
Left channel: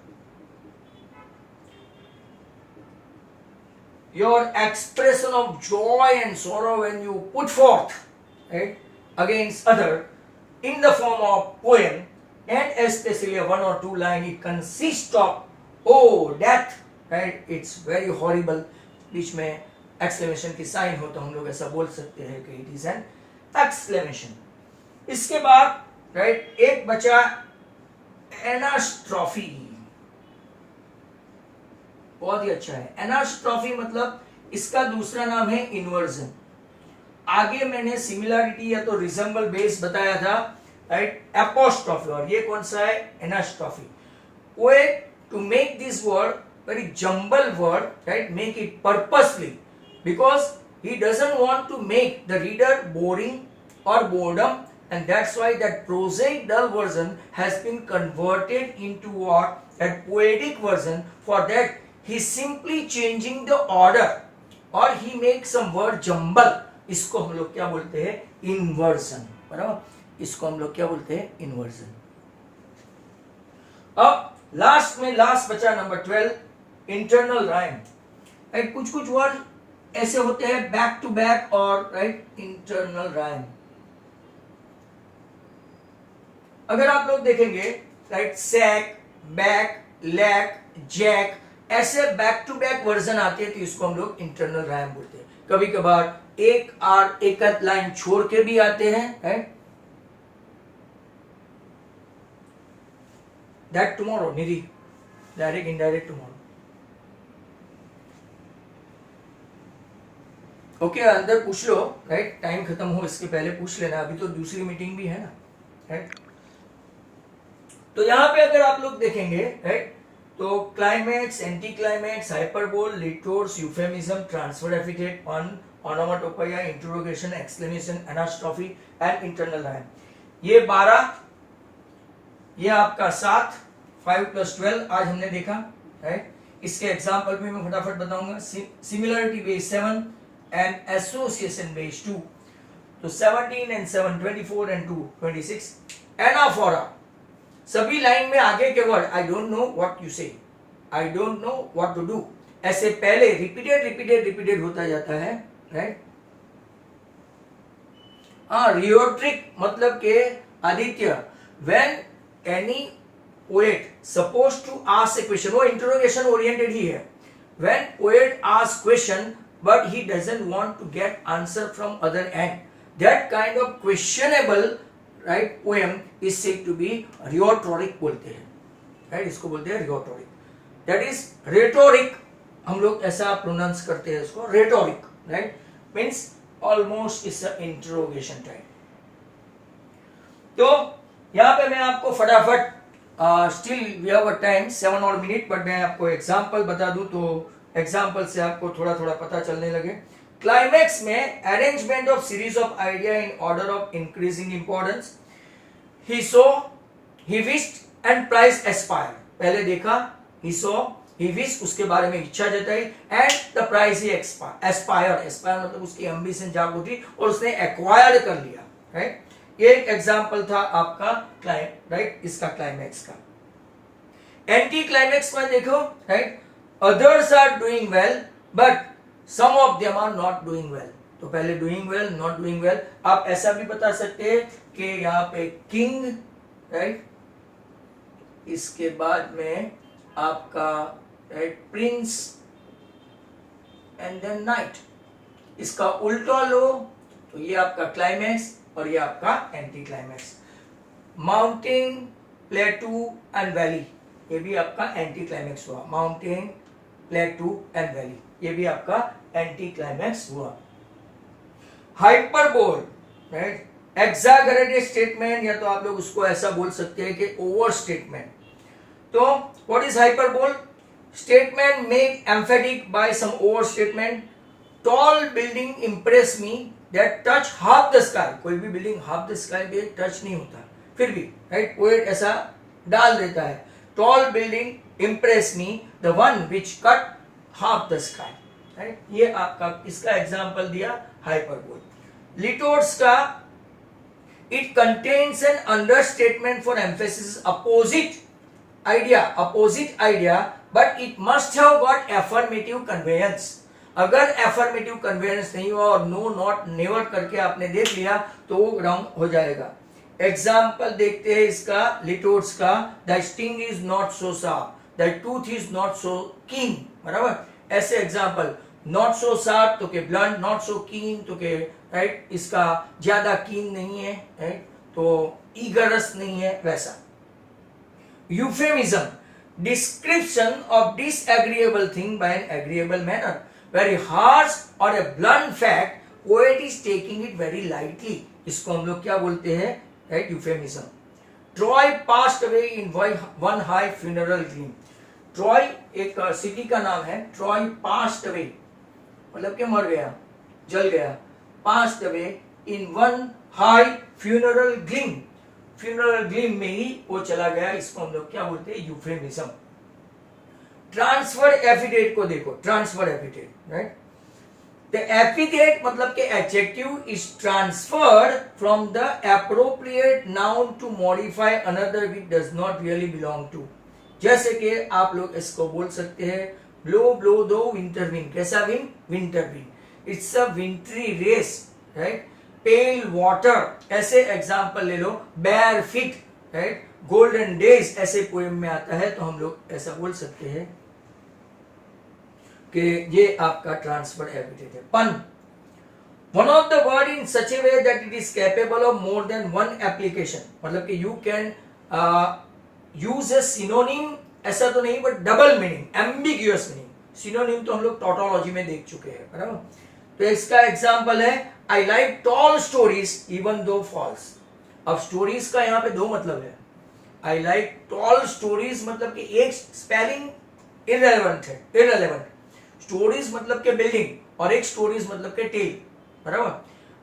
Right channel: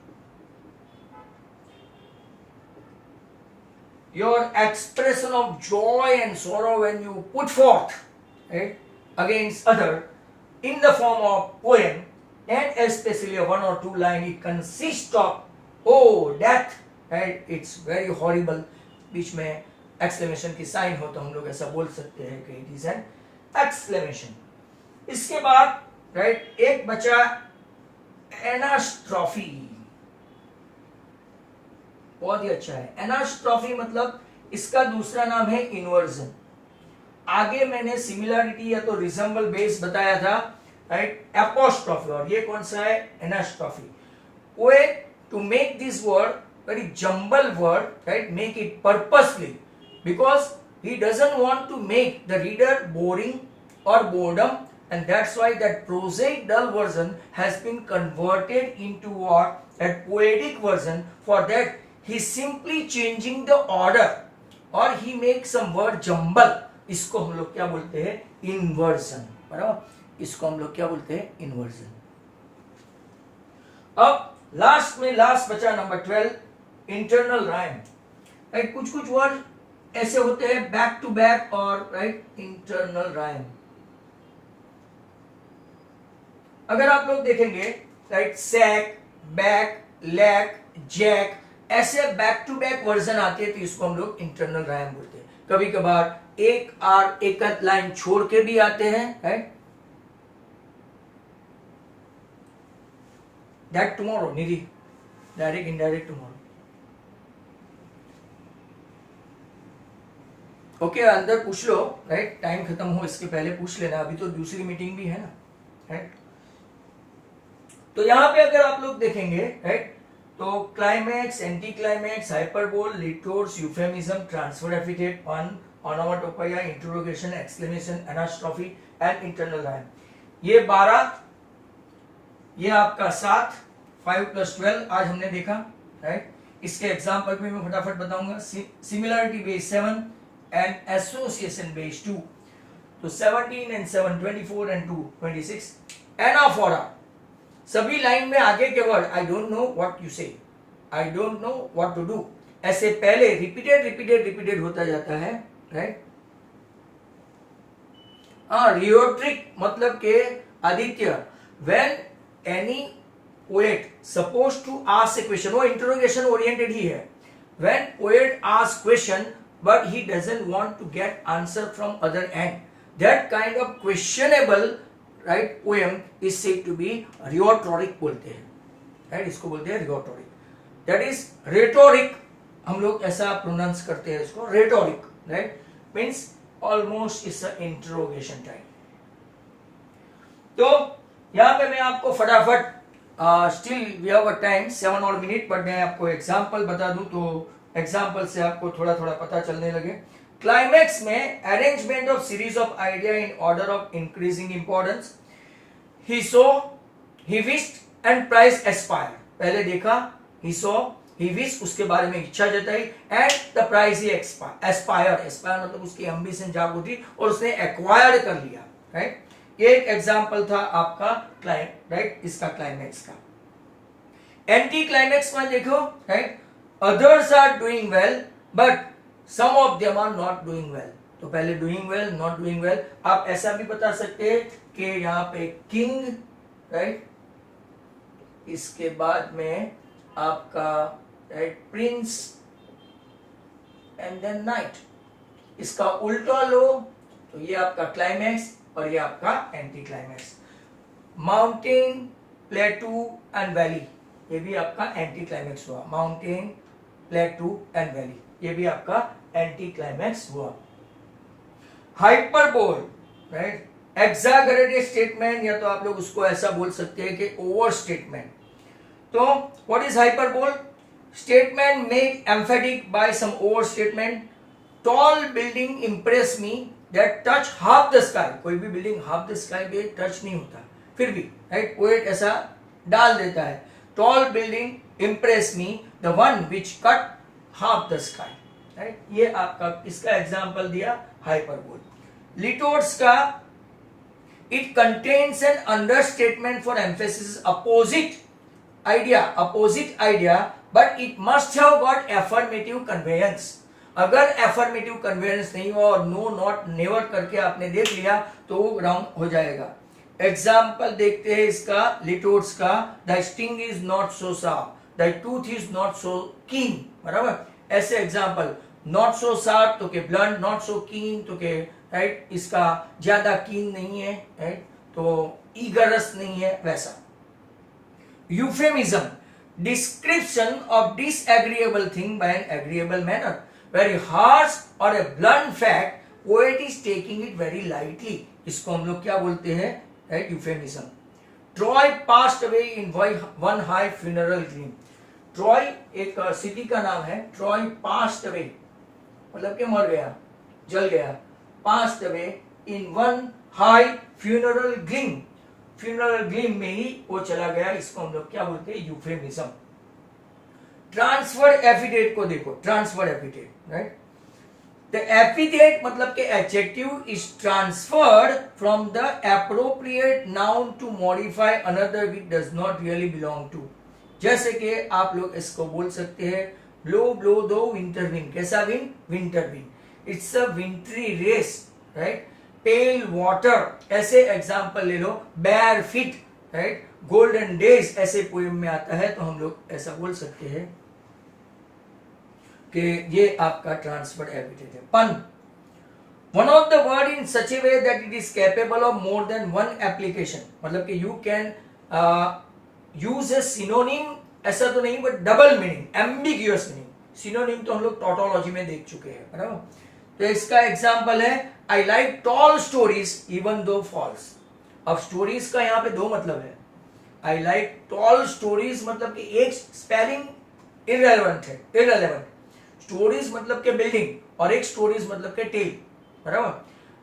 your expression of joy and sorrow when you put forth, right, against other in the form of poem, and especially a one or two line, it consists of oh death, right, it's very horrible, बीच में exclamation की sign हो तो हम लोग ऐसा बोल सकते हैं कि इट इज एन एक्सक्लेमेशन। इसके बाद राइट एक बचा एनास्ट्रॉफी, बहुत ही अच्छा है। एनास्ट्रॉफी मतलब इसका दूसरा नाम है इन्वर्जन। आगे मैंने सिमिलरिटी या तो रिजेंबल बेस बताया था, राइट, एपोस्ट्रॉफी, और ये कौन सा है, एनास्ट्रॉफी। वो to make this word very jumble word, right, make it purposely because he doesn't want to make the reader boring or boredom, and that's why that prosaic dull version has been converted into what, that poetic version. For that he simply changing the order or he makes some word jumble. इसको हम लोग क्या बोलते हैं, inversion, बराबर, इसको हम लोग क्या बोलते हैं, inversion। अब लास्ट में लास्ट बचा नंबर 12, इंटरनल राइम। राइट, कुछ कुछ वर्ड ऐसे होते हैं बैक टू बैक और राइट इंटरनल राइम। अगर आप लोग देखेंगे right, sack, back, lack, jack, ऐसे बैक टू बैक वर्जन आते हैं तो इसको हम लोग इंटरनल राइम बोलते हैं। कभी कभार एक लाइन छोड़ के भी आते हैं, right, that tomorrow, Nidhi, direct indirect tomorrow. Okay, अंदर पूछ लो, राइट, टाइम खत्म हो इसके पहले पूछ लेना, अभी तो दूसरी मीटिंग भी है ना, राइट। तो यहां पे अगर आप लोग देखेंगे, राइट, तो climax, anti climax, hyperbole, litotes, euphemism, transfer epithet, pun, onomatopoeia, interrogation, exclamation, anastrophe and internal rhyme, ये 12, ये आपका 7, 5 + 12 आज हमने देखा, राइट। इसके एग्जाम्पल भी मैं फटाफट बताऊंगा। Similarity base 7 and association base 2, तो 17 and 7 24 and 2 26। एनाफोरा, सभी लाइन में आगे के word I don't know what you say, I don't know what to do, ऐसे पहले रिपीटेड होता जाता है, राइट। रियोट्रिक मतलब के Aditya, when any poet suppose to ask a question, वो इंटरोगेशन ओरिएंटेड ही है, when poet ask question but he doesn't want to get answer from other end, that kind of questionable, right, poem is said to be rhetoric बोलते हैं, right, इसको बोलते हैं rhetoric, that is rhetoric, हम लोग ऐसा प्रोनाउंस करते हैं इसको, rhetoric, right, means almost is a interrogation type। तो यहाँ पे मैं आपको फटाफट still we have a time 7 और मिनट, बट मैं आपको एग्जाम्पल बता दूं तो एग्जाम्पल से आपको थोड़ा थोड़ा पता चलने लगे। क्लाइमैक्स में arrangement of series of idea in order of increasing importance, he so, he wished and prize aspire, पहले देखा, ही सो, ही विश, उसके बारे में इच्छा जताई, and the prize he aspire मतलब उसकी एम्बिशन जाग उठी और उसने एक्वायर्ड कर लिया, राइट। ये एक एग्जाम्पल था आपका राइट, इसका क्लाइमैक्स का। एंटी क्लाइमैक्स में देखो, right, others are doing well but some of them are not doing well, तो पहले doing well, not doing well, आप ऐसा भी बता सकते हैं कि यहाँ पे king, राइट, इसके बाद में आपका right prince and then night, इसका उल्टा लो तो ये आपका क्लाइमैक्स और ये आपका anti climax. Mountain, प्लेटू and valley, ये भी आपका एंटी क्लाइमैक्स हुआ, माउंटेन, प्लेटू एंड वैली, ये भी आपका एंटी क्लाइमैक्स हुआ। हाइपरबोल, राइट, एक्सैगरेटेड स्टेटमेंट, या तो आप लोग उसको ऐसा बोल सकते हैं कि ओवर स्टेटमेंट। तो what is hyperbole? Statement made emphatic by some over statement. Tall building impress me that touch half the sky, कोई भी बिल्डिंग हाफ द स्काई पे टच नहीं होता, फिर भी राइट पोएट ऐसा डाल देता है, tall building impress me the one which cut half the sky, right, ये आपका इसका एग्जांपल दिया हाइपरबोल। लिटोर्स का, it contains an understatement for emphasis, opposite idea but it must have got affirmative conveyance। अगर affirmative conveyance नहीं हुआ और no, not, never करके आपने देख लिया तो वो रॉन्ग हो जाएगा। एग्जाम्पल देखते हैं इसका, लिटोर्स का, the sting is not so sharp, the tooth is not so कीन, बराबर, ऐसे एग्जाम्पल। नॉट सो शार्प तो के ब्लंट, नॉट सो कीन तो के राइट इसका ज्यादा कीन नहीं है, राइट, तो ईगरस नहीं है, वैसा. Euphemism, description of disagreeable thing by an agreeable manner. Very harsh or a blunt fact, poet is taking it very lightly. इसको हम लोग क्या बोलते हैं, right? Euphemism. Troy passed away in one high funeral gleam. Troy एक city का नाम है. Troy passed away मतलब कि मर गया, जल गया. Passed away in one high funeral gleam. Funeral gleam में ही वो चला गया. इसको हम लोग क्या बोलते हैं, यूफ्रेमिज्म. ट्रांसफर एफिडेट को देखो, transfer epithet, right. The epithet मतलब के adjective is transferred from the appropriate noun to modify another which does not really belong to. जैसे कि आप लोग इसको बोल सकते हैं blow blow thou winter wind. कैसा wind, winter wind. It's a wintry race, right. Pale water, ऐसे एग्जाम्पल ले लो. Bare feet, right. Golden days ऐसे पोएम में आता है, तो हम लोग ऐसा बोल सकते हैं कि ये आपका ट्रांसफर एपिथेट है. पन, one of the word in such a way that it is capable of more than one application. मतलब कि you can use A synonym, ऐसा तो नहीं, but double meaning, ambiguous meaning. Synonym तो हम लोग टॉटोलॉजी में देख चुके हैं, बराबर. तो इसका एग्जाम्पल है I like tall stories even though falls. अब स्टोरीज का यहाँ पे दो मतलब है. आई लाइक टॉल स्टोरीज मतलब कि एक स्पेलिंग इररेलेवेंट है, इररेलेवेंट. स्टोरीज मतलब के बिल्डिंग और एक स्टोरीज मतलब के टेल, बराबर.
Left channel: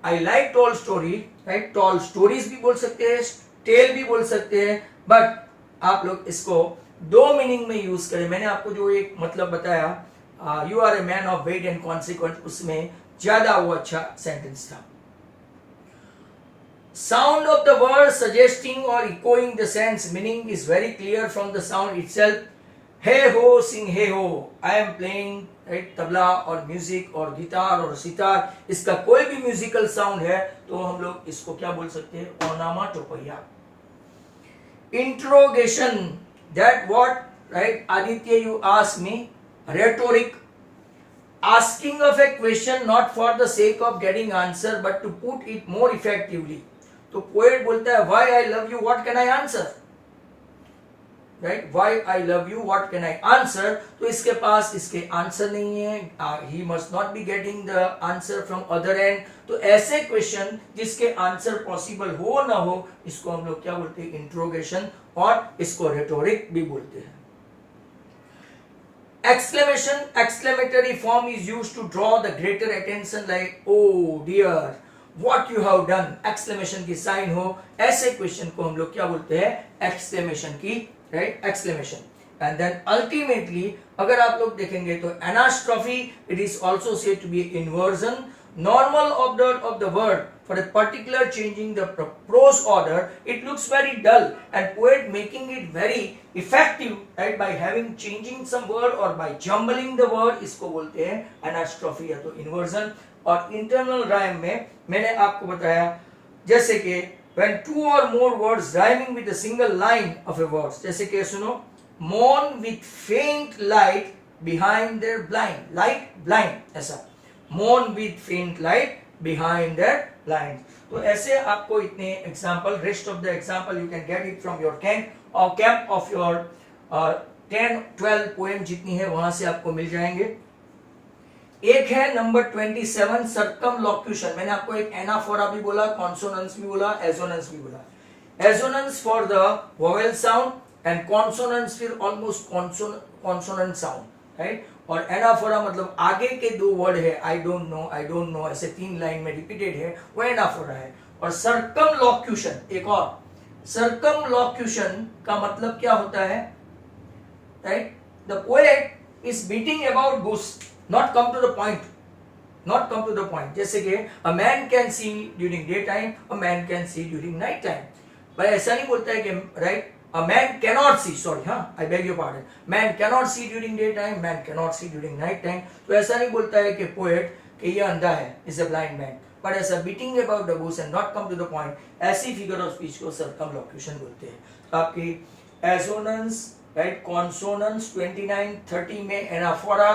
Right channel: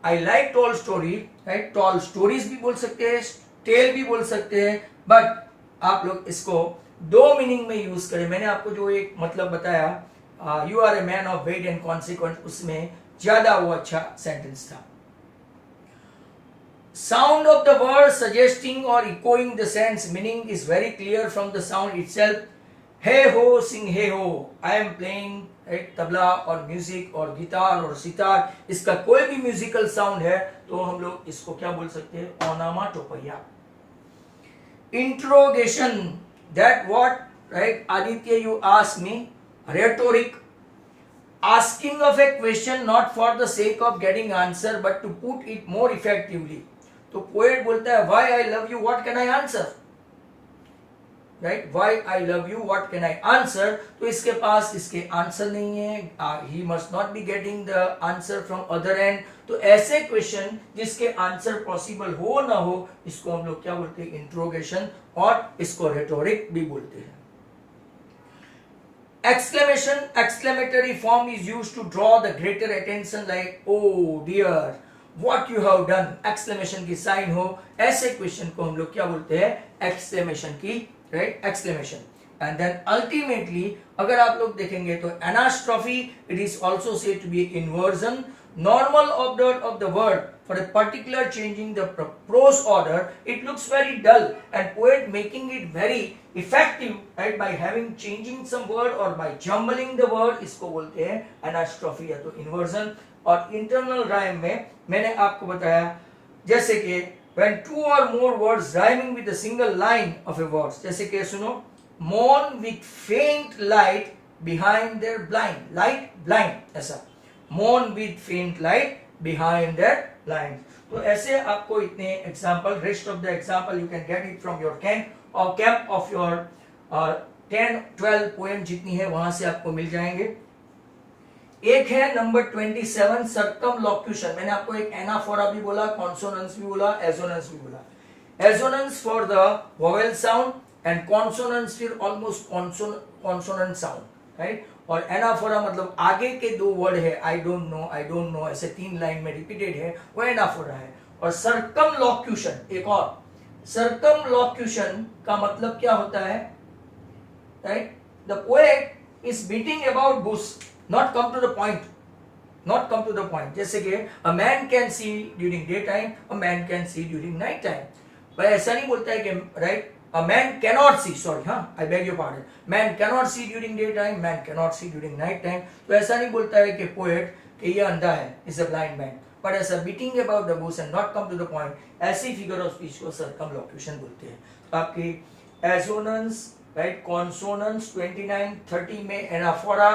I like tall story, right. Tall stories भी बोल सकते हैं, टेल भी बोल सकते हैं, बट आप लोग इसको दो मीनिंग में यूज करें. मैंने आपको जो एक मतलब बताया, you are a man of weight and consequence, उसमें ज्यादा वो अच्छा सेंटेंस था. Sound of the word suggesting or echoing the sense meaning is very clear from the sound itself. Hey ho, sing hey ho. I am playing, right, tabla और music और guitar और सितार. इसका कोई भी म्यूजिकल साउंड है तो हम लोग इसको क्या बोल सकते हैं, ओनोमाटोपोइया. Interrogation, that what, right, Aditya, you ask me. Rhetoric, asking of a question not for the sake of getting answer but to put it more effectively. तो पोएट बोलता है why I love you, what can I answer, right? why I love you, what can I answer. तो इसके पास इसके answer नहीं है. he must not be getting the answer from other end. तो ऐसे क्वेश्चन जिसके आंसर पॉसिबल हो ना हो, इसको हम लोग क्या बोलते हैं, इंट्रोगेशन, और इसको रेटोरिक भी बोलते हैं. Exclamation, exclamatory form is used to draw the greater attention, like oh dear, what you have done. Exclamation की साइन हो, ऐसे क्वेश्चन को हम लोग क्या बोलते हैं, एक्सक्लेमेशन की, right, exclamation. And then ultimately अगर आप लोग देखेंगे तो anastrophe, it is also said to be inversion, normal order of the word for a particular changing the prose order. It looks very dull and poet making it very effective, right, by having changing some word or by jumbling the word. इसको बोलते हैं anastrophe या तो inversion. और internal rhyme में मैंने आपको बताया जैसे कि when two or more words rhyming with a single line of a word, जैसे कि सुनो, mourn with faint light behind their blind, light blind, ऐसा mourn with faint light behind their blind. तो ऐसे आपको इतने example, rest of the example you can get it from your camp of your 10-12 poem जितनी है वहां से आपको मिल जाएंगे. एक है नंबर 27, सर्कमलोक्यूशन. मैंने आपको एक एनाफोरा भी बोला, कॉन्सोनेंस भी बोला, एजोनेंस भी बोला. Assonance for the vowel sound and consonance फिर ऑलमोस्ट कॉन्सोनेंट साउंड, राइट. और एनाफोरा मतलब आगे के दो वर्ड है, आई डोंट नो, ऐसे 3 लाइन में रिपीटेड है, वो एनाफोरा है. और सर्कमलोक्यूशन एक और. सर्कमलोक्यूशन का मतलब क्या होता है, right. The poet is beating about Bush, not come to the point, not come to the point. जैसे कि a man can see during daytime, a man can see during night time. भाई ऐसा नहीं बोलता है कि right, a man cannot see, sorry, हाँ, I beg your pardon, man cannot see during daytime, man cannot see during night time. तो ऐसा नहीं बोलता है कि poet कि ये अंधा है, is a blind man. पर ऐसा beating about the bush and not come to the point, ऐसी figure of speech को circumlocution बोलते हैं. तो आपकी assonance, right, consonance 29-30 में एनाफोरा,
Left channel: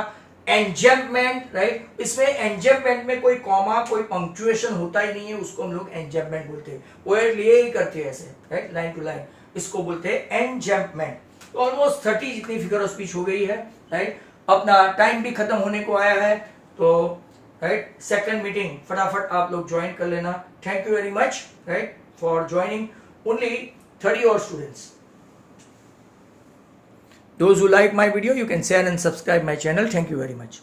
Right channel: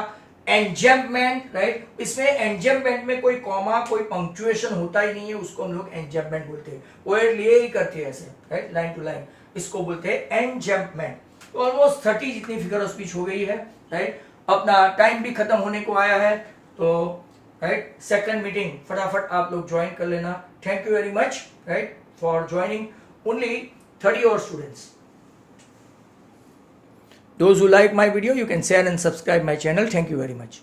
एंजम्पमेंट, राइट, इसमें एंजम्पमेंट में कोई कॉमा कोई पंक्चुएशन होता ही नहीं है, उसको हम लोग एंजम्पमेंट बोलते हैं, वो लिए ही करते हैं ऐसे, राइट, लाइन टू लाइन, इसको बोलते हैं एंजम्पमेंट। तो ऑलमोस्ट 30 जितनी फिगर ऑफ स्पीच हो गई है, राइट, अपना टाइम भी खत्म होने को आया है, तो राइट सेकंड मीटिंग फटाफट आप लोग ज्वाइन कर लेना। Thank you very much, right, for joining only 30 और students. Those who like my video, you can share and subscribe my channel. Thank you very much.